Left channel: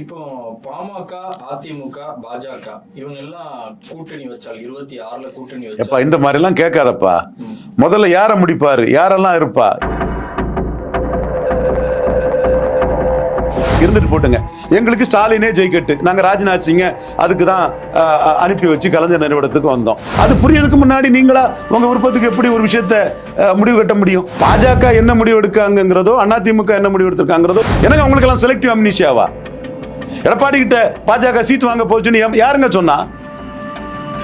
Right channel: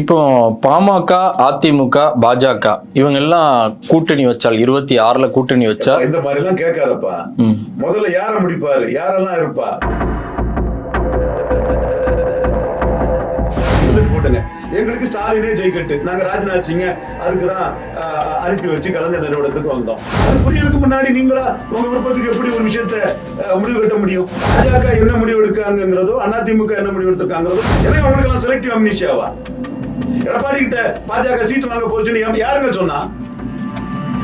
இப்போ பாமக அதிமுக பாஜக இவங்க எல்லாம் கூட்டணி வச்சால் இருபத்தி ஆறுல கூட்டணி வச்சா இந்த மாதிரி எல்லாம் கேட்காதப்பா. முதல்ல யார முடிப்பாரு? யாரெல்லாம் இருப்பா? இருந்துட்டு போட்டுங்க. எங்களுக்கு ஸ்டாலினே ஜெயிக்கட்டு நாங்க ராஜ்நாத் சிங்க அதுக்கு தான் அனுப்பி வச்சு கலைஞர் நிறுவனத்துக்கு வந்தோம். அது புரியறதுக்கு முன்னாடி நீங்களா உங்க விருப்பத்துக்கு எப்படி ஒரு விஷயத்த முடிவு கட்ட முடியும்? பாஜக என்ன முடிவு எடுக்காங்கிறதோ அதிமுக என்ன முடிவு எடுத்திருக்காங்கிறதோ எனக்கு அவங்களுக்கு எல்லாம் செலக்டிவ் அம்னிஷியாவா எடப்பாடி கிட்ட பாஜக சீட் வாங்க போச்சுன்னு யாருங்க சொன்னா?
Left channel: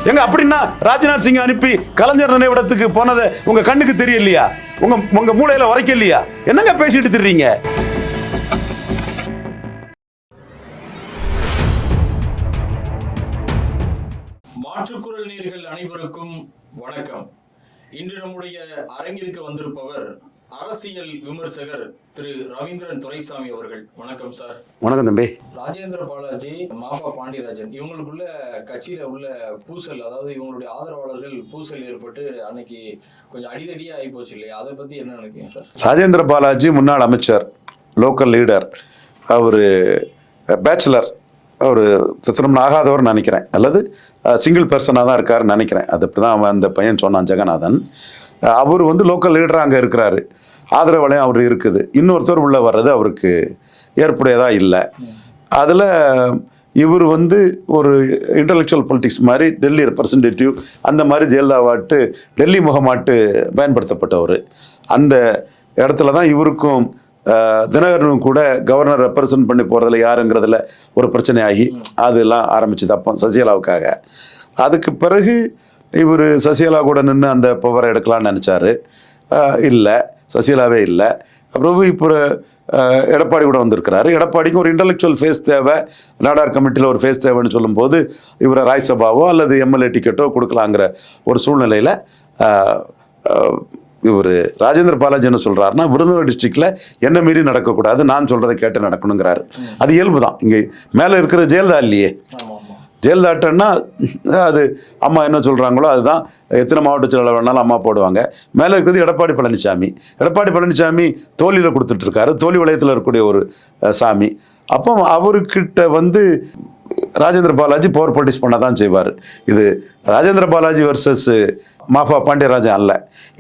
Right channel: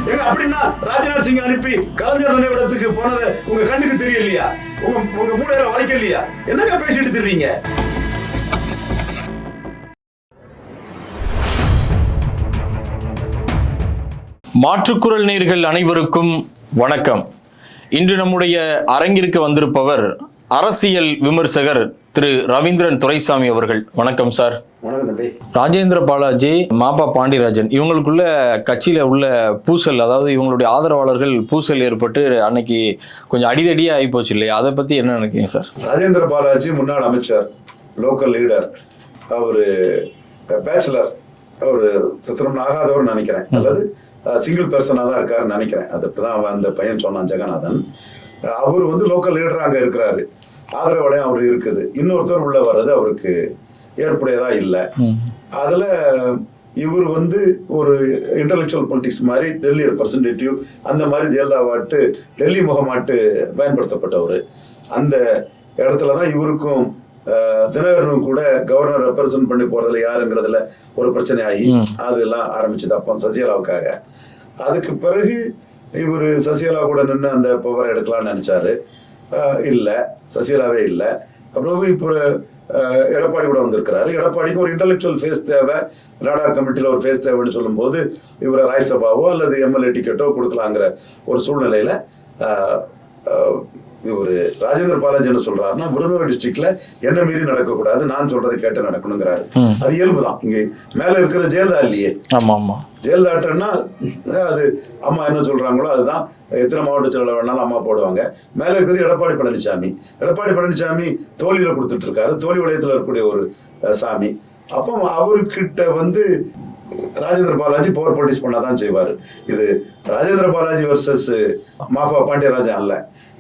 எங்க அப்படின்னா ராஜ்நாத் சிங் அனுப்பி கலைஞர் நினைவிடத்துக்கு போனது உங்க கண்ணுக்கு தெரியலையா? உங்க உங்க மூளையில உரைக்கலையா? என்னங்க பேசிட்டு திரிறீங்க? மாற்றுக்குரல் நேர்கள் அனைவருக்கும் வணக்கம். இன்று நம்முடைய அரங்கிற்கு வந்திருப்பவர் அரசியல் விமர்சகர் திரு ரவீந்திரன் துரைசாமி அவர்கள். வணக்கம் சார். வணக்கம் தம்பி. ராஜேந்திர பாலாஜி மாபா பாண்டியராஜன் இவங்களுக்குள்ள கட்சியில உள்ள பூசல் அதாவது இவங்களுடைய ஆதரவாளர்கள் பூசல் ஏற்பட்டு அன்னைக்கு கொஞ்சம் அடிதடியே ஆகி போச்சு இல்லையா? அதை பத்தி என்ன நினைக்கிறீங்க சார்? ராஜேந்திர பாலாஜி முன்னாள் அமைச்சர் லோக்கல் லீடர் அவரு பேச்சுலர் அவர் திருமணம் ஆகாதவர் நினைக்கிறேன். அல்லது சிங்கிள் பர்சனாக தான் இருக்காருன்னு நினைக்கிறேன். அது அப்படிதான் அவன் அந்த பையன் சொன்னான் ஜெகநாதன். அவர் வந்து லோக்கல் லீடராக அங்கே இருக்கிறாரு. ஆதரவாளையும் அவர் இருக்குது. இன்னொருத்தர் உள்ள வர்றது அவருக்கு ஏற்புடையதா இல்லை. அதில் இவர் வந்து ஒரு இன்டலெக்சுவல் பொலிட்டிக்ஸ் மாதிரி டெல்லி ரெப்ரசன்டேட்டிவ் அந்த மாதிரி ஜெயலலிதாவாட்டு டெல்லி முகமாட்டு பயன்படுத்தப்பட்டவர். அந்த இடத்துல தான் இவருக்கும் தினகரனும் கூட கவர்னர் ரெப்ரசன்ட் பண்ணி போறதுல யாருங்கிறதுல ஒரு பிரச்சனை ஆகி அதெல்லாம் ஆரம்பிச்சது அப்போ சசிகலாவுக்காக. அதுக்கு பிறகு இவர் சசிகலா கூட நின்று அந்த பவரை எடுக்கலாம்னு நினைச்சாரு. இல்லை. சசிகலாவே இல்லை. அப்புறம் இப்போ எடப்பாடி கூட வந்திருக்கிறாரு. எடப்பாடிக்கு ஒரு இன்டலெக்சுவல் ஃபேஸ் தேவை. நாடார் கமிட்டியில் ஒரு ஃபேஸ் தேவைன்னு சொல்லும்போது இவரை ராஜ்சபாவோ அல்லது எம்எல்ஏ டிக்கெட்டோ கொடுக்கலாங்கிற ஒரு சூழ்நிலையில் இவர் ராஜேந்திர பாலாஜி என்ன சொல்றாருன்னா விருதுநகர் டிஸ்ட்ரிக்ட்ல என்ன மீறி நடக்கக்கூடாது நான் சொல்றதை கேட்டு நடக்கணுங்கிறாரு. அது இயல்பு தான் இங்கே மேலே இருக்கிற ஜெயலலிதா இல்லையே. ஆமா ஆமா. ஜெயலலிதாட்டன்னா அது அம்மா என்ன சொல்றாங்களோ அதுதான். எத்தனை மாவட்ட செயலாளர் வேணாலும் அம்மா போடுவாங்க. மேலே இருக்கிறது எடப்பாடி பழனிசாமி எடப்பாடி பழனிசாமி தோல்வியில் கொடுத்துட்டு இருக்காரு. தோல்வி வளையத்தில் இருக்கக்கூடிய ஒரு சாமி. அப்போ அவர்கிட்ட வந்து ராஜேந்திர பாலாஜி பவர் ப்ரொடியூஸ் பண்ண தான் செய்வார். இது ராஜேந்திர பாலாஜி வர்சஸ் மாஃபா பாண்டியராஜன் அல்ல.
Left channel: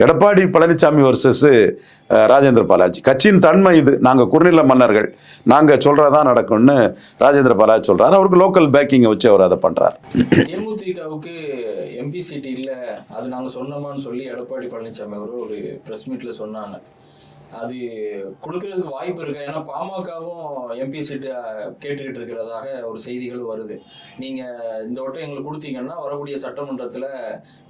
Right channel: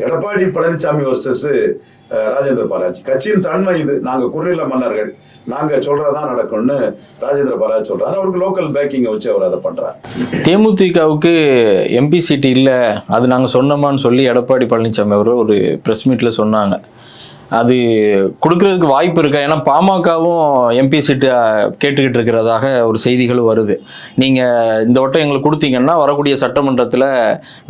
எடப்பாடி பழனிசாமி வர்சஸ் ராஜேந்திர பாலாஜி. கட்சியின் தன்மை இது. நாங்கள் குறுநில மன்னர்கள் நாங்கள் சொல்றதான் நடக்கும்னு ராஜேந்திர பாலாஜி சொல்கிறார் அவருக்கு லோக்கல் பேக்கிங்கை வச்சு அவர் அதை பண்ணுறார் தேமுதிகவுக்கு எம்பி சீட்டு இல்லை அது நாங்கள் சொன்னோமான்னு சொல்லி எடப்பாடி பழனிசாமி அவர் ஒரு ப்ரெஸ் மீட்டில் சொன்னாங்க. அது கொடுக்கறதுக்கு வாய்ப்பு இருக்கா? ஏன்னா பாமகவும் எம்பி சீட்டு கேட்டுக்கிட்டு இருக்கிறதாக ஒரு செய்திகளும் வருது. நீங்கள் இந்த வட்டம் எங்களுக்கு கொடுத்தீங்கன்னா வரக்கூடிய சட்டமன்றத்தில்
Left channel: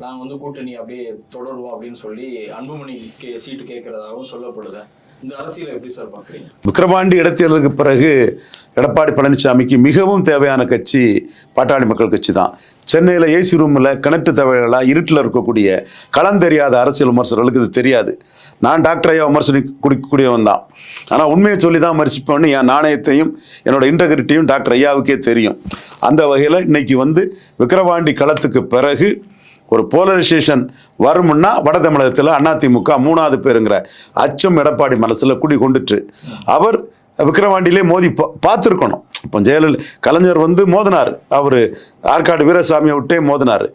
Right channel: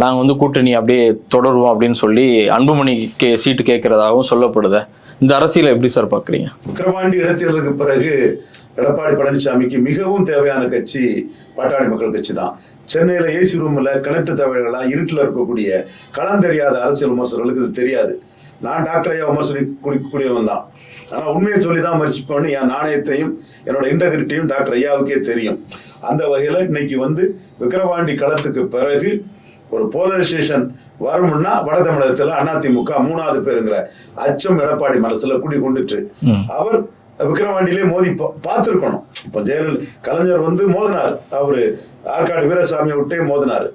நாங்கள் வந்து கூட்டணி அப்படியே தொடருவோம் அப்படின்னு சொல்லி அன்புமணி கே சீட்டு கேட்குறதாகவும் சொல்லப்படுது. இந்த அரசியலை எப்படி சார் பார்க்குறீங்க? விக்கிரவாண்டி இடத்தேர்தலுக்கு பிறகு எடப்பாடி பழனிசாமிக்கு மிகவும் தேவையான கட்சி பாட்டாளி மக்கள் கட்சி தான். சென்னையில் ஏசி ரூமில் கனெக்ட் தேவையெல்லாம் இருட்டில் இருக்கக்கூடிய களம் தெரியாத அரசியல் விமர்சகர்களுக்கு இது தெரியாது. நான் டாக்டர் ஐயா விமர்சனி குடிக்கூடியவன் தான். ஆனால் உண்மையை சொல்லி தான் விமர்சிப்பேன்னு என் நாணயத்தையும் என்னோட இன்டெகிரிட்டியும் டாக்டர் ஐயாவுக்கே தெரியும். அந்த வகையில் இன்னைக்கு வந்து விக்கிரவாண்டி களத்துக்கு பிறகு ஒரு போலரைசேஷன் வரும்னா வட தமிழகத்தில் அதிமுக மூணாவது பேருங்கிற அச்சம் எடப்பாடி மனசுல குடி கொண்டுட்டு அவர் விக்கிரவாண்டியிலே மோதி பார்த்திருக்கணும். இப்போ ஜெயலலிதா கலைஞர் வந்து மோதினார். அவர் ஆற்காடு வீரசாமியை விட்டே மோதினார்.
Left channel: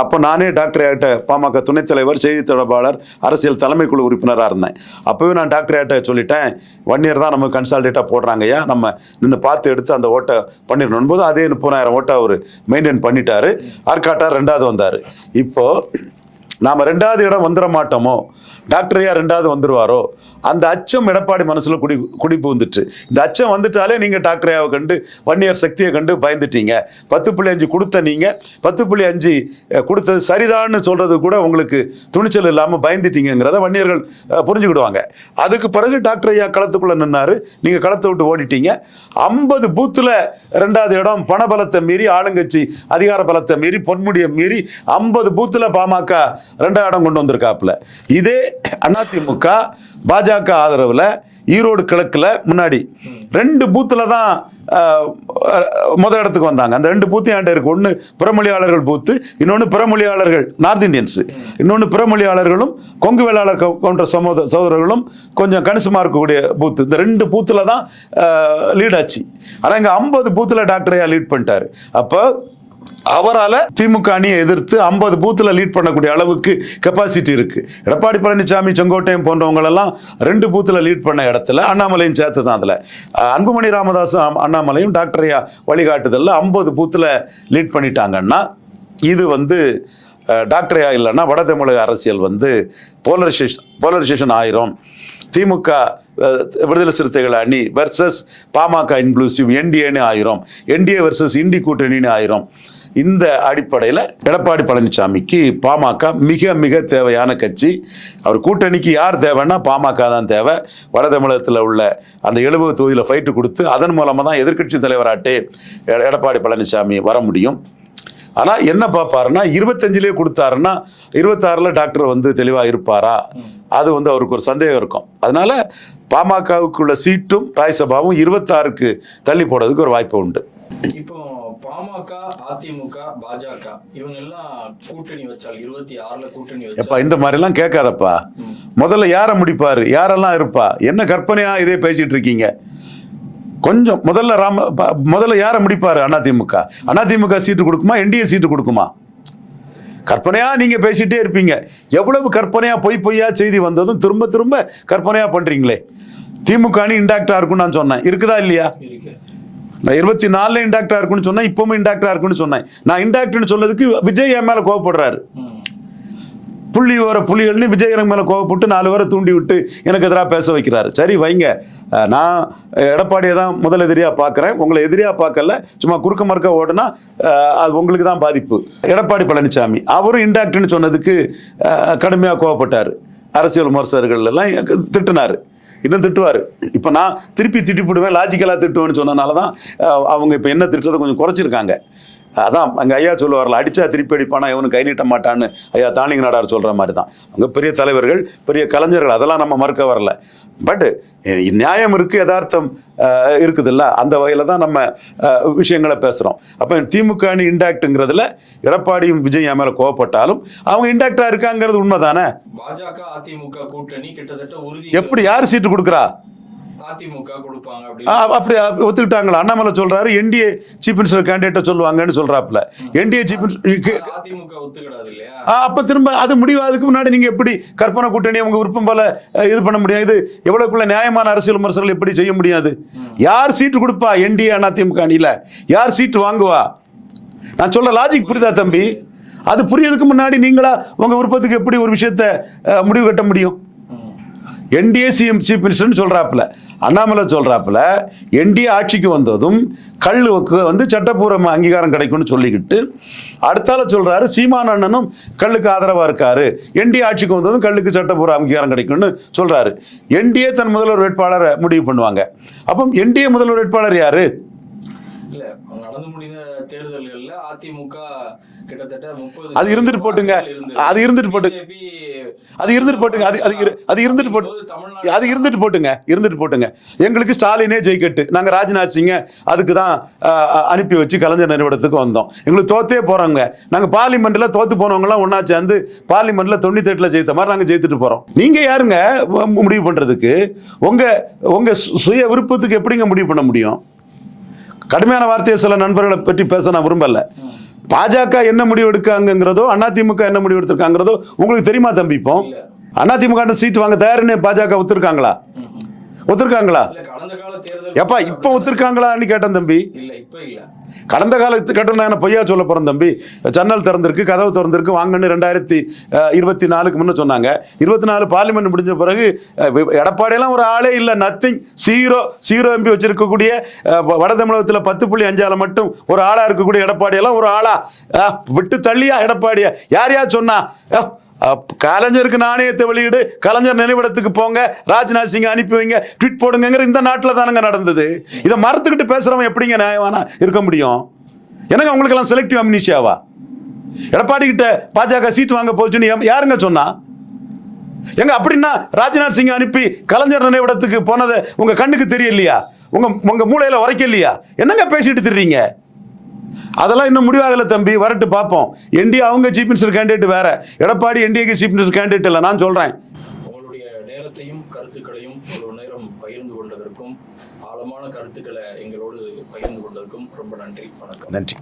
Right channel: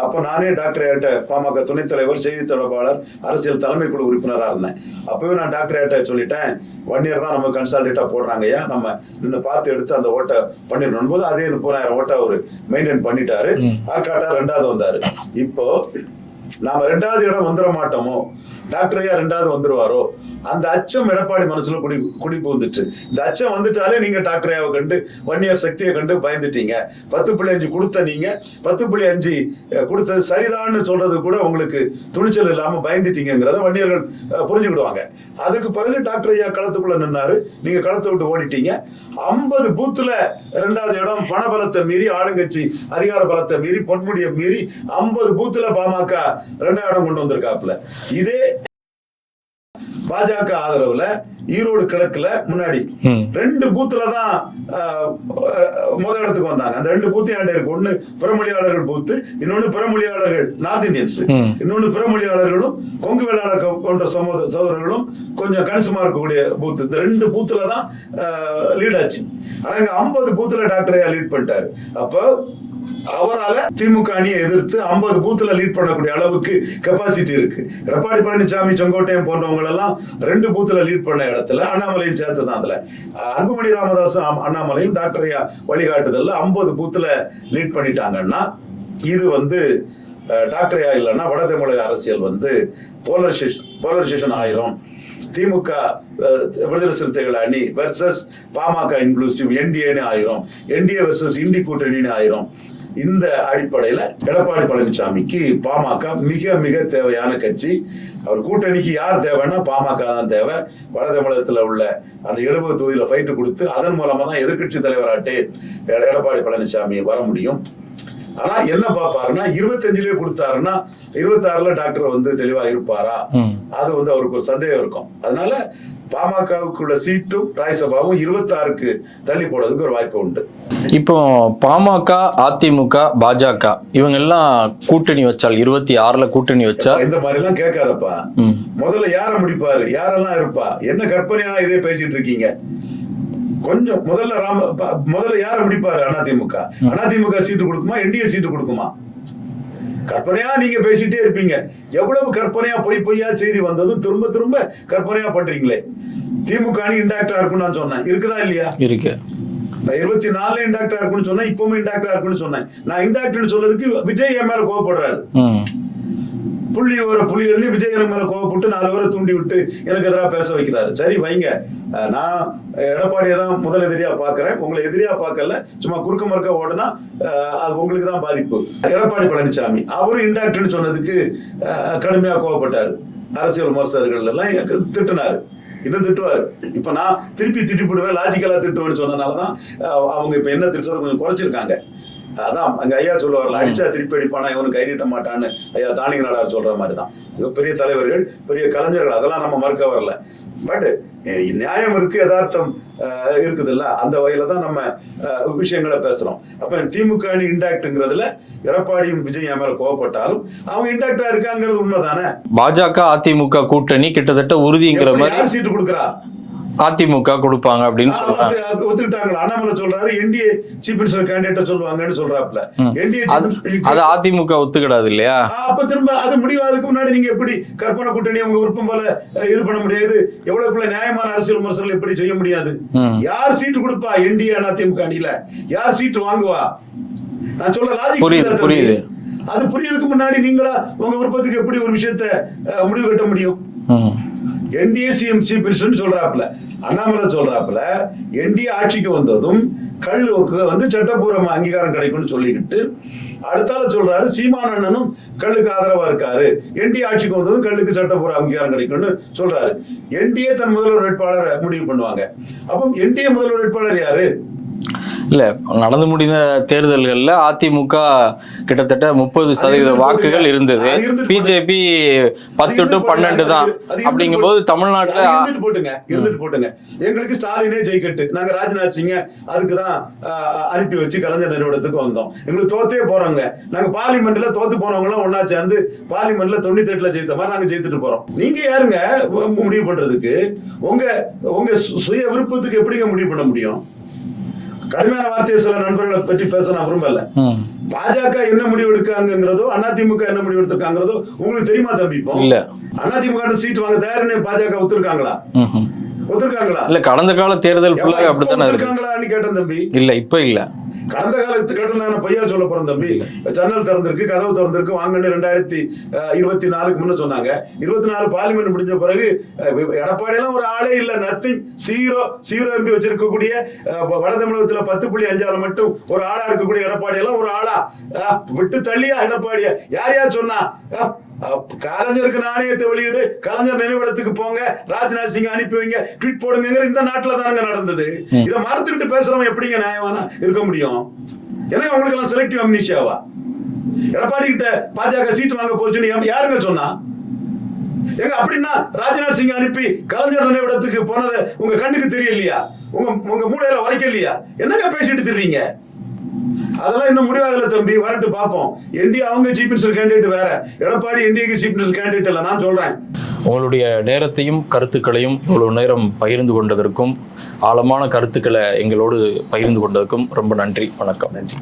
அப்போ நானே டாக்டர் ஆகிட்ட பாமக துணைத் தலைவர் செய்தி தொடர்பாளர் அரசியல் தலைமைக்குழு உறுப்பினராக இருந்தேன். அப்பவே நான் டாக்டர் ஆகிட்ட சொல்லிட்டேன் ஒன் இயர் தான் நம்ம கன்சால்டேட்டாக போடுறாங்க ஐயா. நம்ம நின்று பார்த்து எடுத்து அந்த ஓட்டை பண்ணிடணும். போது அதே முப்பதாயிரம் ஓட்டை அவர் மெயின்டைன் பண்ணிட்டாரு. ஆற்காட்டா ரெண்டாவது வந்தார். இப்போ நாம ரெண்டாவது இடம் வந்துட மாட்டோமோ? டாக்டர் ஐயா ரெண்டாவது வந்துருவாரோ? அந்த அச்சம் எடப்பாடி மனசுல குடி குடிப்பு வந்துட்டு இந்த அச்சம் வந்துட்டாலே நீங்க டாக்டரையாவை கண்டு வன்னியர் சக்தியை கண்டு பயந்துட்டீங்க. பத்து புள்ளி அஞ்சு கொடுத்த நீங்க பத்து புள்ளி அஞ்சு கொடுத்தது சரிதான்னு சொல்றது கூட உங்களுக்கு துணிச்சல் இல்லாம பயந்துட்டீங்கிறத வன்னியர்கள் புரிஞ்சுக்கிடுவாங்க. அதுக்கு பிறகு டாக்டர் ஐயா களத்துக்குள்ள நின்னாரு. நீங்க களத்தை விட்டு ஓடிட்டீங்க. ஐம்பது பூத்துல ரெண்டாவது இடம் பணபலத்தை மீறி ஆளுங்கட்சி அதிகார பலத்தை மீறி பொன்முடியை மீறி ஐம்பது பூத்துல பாமக ரெண்டாம் இடம் கொண்டு வந்திருக்காப்புல. இதே அதிமுக பாஜக ஆதரவுல ஈரோடு கிழக்குல முன்னாடி. ரெண்டு பூத்துல தான் முத இடத்துக்கு வந்தாங்க. அந்த ரெண்டு பூத்தையும் ஆண்டு இருக்கு. ஒன்னு பிறமொழியாளர்கள் பூத்து இன்னொன்னு பிறமொழியாளர்கள் நார்த் இந்தியன்ஸ். இன்னொன்னு பிறமொழியாளர்களும் கொங்கு வேளாளர் போன்ற சமூக சகோதரர்களும் கொஞ்சம் கணிசமா இருக்கக்கூடிய பூத்து. இந்த ரெண்டு பூத்துல தான் லீட் ஆச்சு. ஆனா இங்க ஐம்பது பூத்துல டாக்டரையா லீட் பண்ணிட்டாரு. அப்போ அவரால் திமுக அணியை எதிர்த்து ஐம்பது பூத்தில் லீட் பண்ணக்கூடிய அளவுக்கு கெப்பாசிட்டி இருக்கு. எடப்பாடி பழனிசாமி செங்கோட்டையன் போன்றவங்களெல்லாம் ரெண்டு பூத்தில் லீட் பண்ண இடத்துல அண்ணாமலையும் சேர்த்து தான் அதில் அன்புமணி ராமதாஸ் அண்ணாமலையும் டாக்டரையா வழிகாட்டுதலில் ஐம்பது பூத்தில் லீட் பண்ணிட்டாங்கன்னா இது வந்து டாக்டரையா இல்லைன்னா வட தமிழக அரசியல் வந்து போலரைசேஷன் போலரைசேஷன் ஆயிரும். திமுக விடுதலை சிறுத்தைகள் அணி வெர்சஸ் பாமக இன்க்ளூசிவ் என்டிஏன்னு ஆயிரும். என்டிஏ வெர்சஸ் இண்டி கூட்டணின்னு ஆயிரும். இந்த அடிப்படையில் எடப்பாடி பழனிசாமிக்கு பாமக மிக மிக தேவையான கட்சி. அவர் கூட்டணிக்கு யார் தேவைன்னா பாமக தான் தேவை. வட தமிழகத்தில் உள்ள அந்த எழுபது தொகுதியில் ஃபைட்டு கொடுத்து அதன் மூலமாக தான் எதிர்க்கட்சி தலைவராட்டே எடப்பாடி பழனிசாமி வர முடியும். ஆனா என்ன பார்ப்பாருன்னா இருபத்தஞ்சிலே கொடுத்தாருன்னா இருபத்தாறுல டாக்டர் வந்து தெளிவா இருப்பாரா. அது வந்து அவருக்கு ஒரு சந்தேகம் இருக்கும். அதனால பாமகவுக்குள்ள சீட்டும் ராஜ்யசபாவும் இருபத்தாறுக்கு தள்ளி போடுறதுக்கு ஒரு வாய்ப்பு உண்டு. இப்போ பாமக அதிமுக பாஜக இவங்க எல்லாம் கூட்டணி வச்சால் இருபத்தி ஆறுல கூட்டணி வச்சா இந்த மாதிரி எல்லாம் கேட்காதப்பா. முதல்ல யாரை முடிப்பாரு? யாரெல்லாம் இருப்பா? என்ன கற்பனையா இதே பேசிட்டு இருக்கீங்க? கொஞ்சம் முதல்ல ராம முதல்ல யாரை முடிப்பாரு அதிமுக? அதிமுக சீட்டு கொடுக்குமா? என்டிஏ சீட்டு கொடுக்குமா? கற்பனையா நீங்க பேசிட்டே இருப்பீங்க. எவ்வளவு கற்பனையா பொய் பொய்யா செய்தி வந்ததும் திரும்ப திரும்ப கற்பனையா பண்றீங்களே. திமுக அணி இன்டாக்டா இருக்கும்னு நான் சொன்னேன். இருக்குதா இல்லையா? இருக்கு. நான் இருபத்தி நாலுல இன்டாக்டா இருக்குன்னு சொன்னேன் இப்பவும் இன்டாக்டா இருக்குன்னு சொன்னேன். நான் இன்டாக்ட்னு சொன்னதுக்கு விஜய் என் மேல கோவப்படுறாரு. புள்ளி வர புலிகள்னு விஜய் எனக்கு மேல கோவப்பட்டு நாலு பேரை தூண்டி விட்டு எனக்கு எதிராக பேச வைக்கிறாரு. சரி வைங்க. நான் எடப்பாடியை தான் முதல் எதிரியா பார்க்கறேன். உங்களை எதிரியா பார்க்கல. சும்மா குறுக்க மறுக்க ஓடுனா அது உங்களுக்கு தான் பாதிப்பு. எடப்பாடி பழனிசாமி அவரும் இன்டாக்ட்னு சொன்னதுக்கு கடுமையா கோவப்பட்டாரு. அரசியல் விமர்சகர்கள் எல்லாம் திட்டுனாரு. இன்னும் திட்டுவாரு? இப்ப நான் திருப்பி திட்டி போடுவேன் லாஜிக்கலா திட்டுவேன்னு சொன்னனால தான் அவங்க இப்ப என்ன திட்டுறதை கொஞ்சம் குறைச்சிருக்காங்க. அதான் அங்க ஐயா சொல்லுவார்ல அடிச்சா திருப்பி அடிப்பானா இவனு கை நீட்ட மாட்டான்னு. ஐயா தானிங்க நாடார் சொல்ற மாதிரி தான் அங்க பெரிய தலைவர்கள் பெரிய கலைஞர்கள் அதெல்லாம் நம்ம மறுக்க வரல. பட் நியாயம் இருக்கு யதார்த்தம் இருக்குதுல்ல அந்த வகையில தான் நம்ம விஷயங்களை பேசுறோம். அப்ப திமுக அணி இன்டாக்ட்ங்கிறதுல எடப்பாடியும் விஜய் மேல கோவப்பட்டாலும் அவங்க இன்டாக்டா இருக்காங்கிறது உண்மைதானே? பாஜக அதிமுக கூட்டணி கிட்டத்தட்ட மாதிரி யார் சீட்டு கொடுக்குறா? அதிமுக கொடுப்பாங்க அப்படின்னு ஒத்துக்கிட்டாங்களா? அண்ணாமலை சொல்றாரு என்டிஏ சீஃப் மினிஸ்டர் கேண்டிடேட்ட சொல்லுவாங்கன்னு சொல்றாப்ல என்டிஏ அது அதிமுக ஒத்துக்கிடாது இல்லையா? அப்ப திரும்ப அது முடிவாதுக்கு முன்னாடி நீங்க எப்படி கற்பனை கூட்டணி உங்க விருப்பம் போல இது பண்ண முடியாது? எவ்வளவுக்குள்ள நியாயமான அரசியல் விமர்சனங்கள் எப்படி செய்ய முடியாது. யார் சீட்டு கொடுப்பா என்டிஏ அதிமுக அணியில? யார் சீட்டு வாங்குவா? நான் சொல்ற லாஜிக் புரியுது, தம்பி. அது புரியறதுக்கு முன்னாடி நீங்களா உங்க விருப்பத்துக்கு எப்படி ஒரு விஷயத்த முடிவு கட்ட முடியும். என்டிஏ சிஎம் சீஃப் மினிஸ்டர் சொல்றாப்புல. அண்ணாமலை சொல்றாப்புல என்டிஏ ஆட்சிக்கு வந்ததும் கல்லுக்கு வந்து சட்டப்பூர்வ அங்கீகாரம் கிடைக்கும்னு சொல்லிக்கிட்டு அடுத்தால சொல்றாரு சீமான் அண்ணனும் கல்லுக்கு ஆதரவா இருக்காரு. என்டிஏ ஆட்சிக்கு வந்ததும் கல்லுக்கு சட்டப்பூர்வ அங்கீகாரம் கிடைக்கும்னு சொல்றாரு. என்டிஏ தன் முதல்வர் வேட்பாளரை முடிவு பண்ணுவாங்க. அப்போ என்டிஏ முதல்வர் வேட்பாளர் யாரு? இல்ல நடந்து முடிந்த தேர்தல்கள்ல அதிமுக கிட்டத்தட்ட முப்பது சதவீத வாக்குகள். இருந்தது. பிஜேபி பத்து. பன்னெண்டு தான். போட்டு- அது இருந்துட்டு போட்டுங்க. இருந்துட்டு போட்டுங்க. எங்களுக்கு ஸ்டாலினே ஜெயிக்கட்டு. நாங்க ராஜ்நாத் சிங்க அதுக்கு தான் அனுப்பி வச்சு கலைஞர் நிறுவனத்துக்கு வந்தோம். எங்களுக்கு தோத்தே போறோங்க. நாங்க பார்லிமெண்ட்ல தோத்து போனவங்க எல்லாம் ஒன்னா சேர்ந்து பார்லிமெண்ட்ல தொண்ணூத்தி எட்டுல ஜெயித்த மாதிரி நாங்க ஜெயித்துட்டு போறோம். நீங்க யாருங்க முடிவு பண்றதுக்கு? உங்க உங்க சுய விருப்பத்துக்கு எப்படிங்க முடிவு பண்ண முடியும்? கடுமையான வார்த்தையை சில நண்பர்களை பற்றி பேச நான் விரும்பல. பாஜக என்ன முடிவு எடுக்காங்கிறதோ அதிமுக என்ன முடிவு எடுத்திருக்காங்கிறதோ உங்களுக்கு தெரியுமா தம்பி இப்போ இல்ல அதிமுக சீட் வாங்க தயாருன்னு பாஜக ஒத்துருக்காங்களா. ஒத்துருக்காங்களா? இல்ல கடந்த கால தேர்தல் இப்ப. ஒத்துருக்காங்களான்னு கேட்டேன் தம்பி. இல்ல இப்ப இல்ல. கடந்த காலத்து கட்டம் நான் பொய்யா சொல்ல போறேன் தம்பி. ஜன்னல் திறந்திருக்கு கதவு திறந்திருக்கு வாங்கன்னு ரெண்டாயிரத்தி இருபத்தி நாலுக்கு முன்ன சொன்னாங்க. இருபத்தி நாலு பார்லிமெண்ட் முடிஞ்ச பிறகு எடப்பாடியெல்லாம் ஒரு ஆளே இல்ல. நத்திங் சீரோ சீரோ எம்பி வச்சிருக்கக்கூடிய வட தமிழகத்துல பத்து புள்ளி அஞ்சால மட்டும் ஒரு ஆளா இருக்கக்கூடிய எடப்பாடி எல்லாம் ஒரு ஆளா. விட்டு தள்ளியா எடப்பாடிய? யார் யார் சொன்னா? கலைஞருக்கு நாணயத்தை வெளியிடு கலைஞர் நினைவிடத்துக்கு போங்க ராஜ்நாத் சிங் அனுப்பி வைங்க ட்வீட் போடுங்கிற இந்த நாட்டுல தானங்க நடந்தது. இதை மறுத்துக்கிட்டு பேசுறவன் எப்படிங்க நியாயமான இருக்க முடியும்? எனக்கு உங்களுக்கு எல்லாம் செலக்டிவ் அம்னிஷியாவா எடப்பாடி கிட்ட பாஜக சீட் வாங்க போச்சுன்னு யாருங்க சொன்னா? எங்க அப்படின்னா ராஜ்நாத் சிங் அனுப்பி கலைஞர் நினைவிடத்துக்கு போனது உங்க கண்ணுக்கு தெரியலையா? உங்க உங்க மூளையில உரைக்கலையா? என்னங்க பேசிட்டு திரிறீங்க? அதெல்லாம் இன்னும் முடிவாகல தம்பி. வரட்டு பார்ப்போம். என்டிஏ அவங்க சீஃப் மினிஸ்டர் கேண்டிடேட் வேற. எடப்பாடி என்டிஏக்கு சீஃப் மினிஸ்டர் கேண்டிடேட் இல்லை நான் சொல்றேன். உங்களுடைய நேரத்தையும் கருத்துக்களையும் இவ்வளவு நேரம் பகிர்ந்து கொண்டதற்கும் ஆழமான கருத்துக்களை எங்களோடு பகிர்ந்து கொண்டதற்கும் ரொம்ப நன்றி. வணக்கம். நன்றி.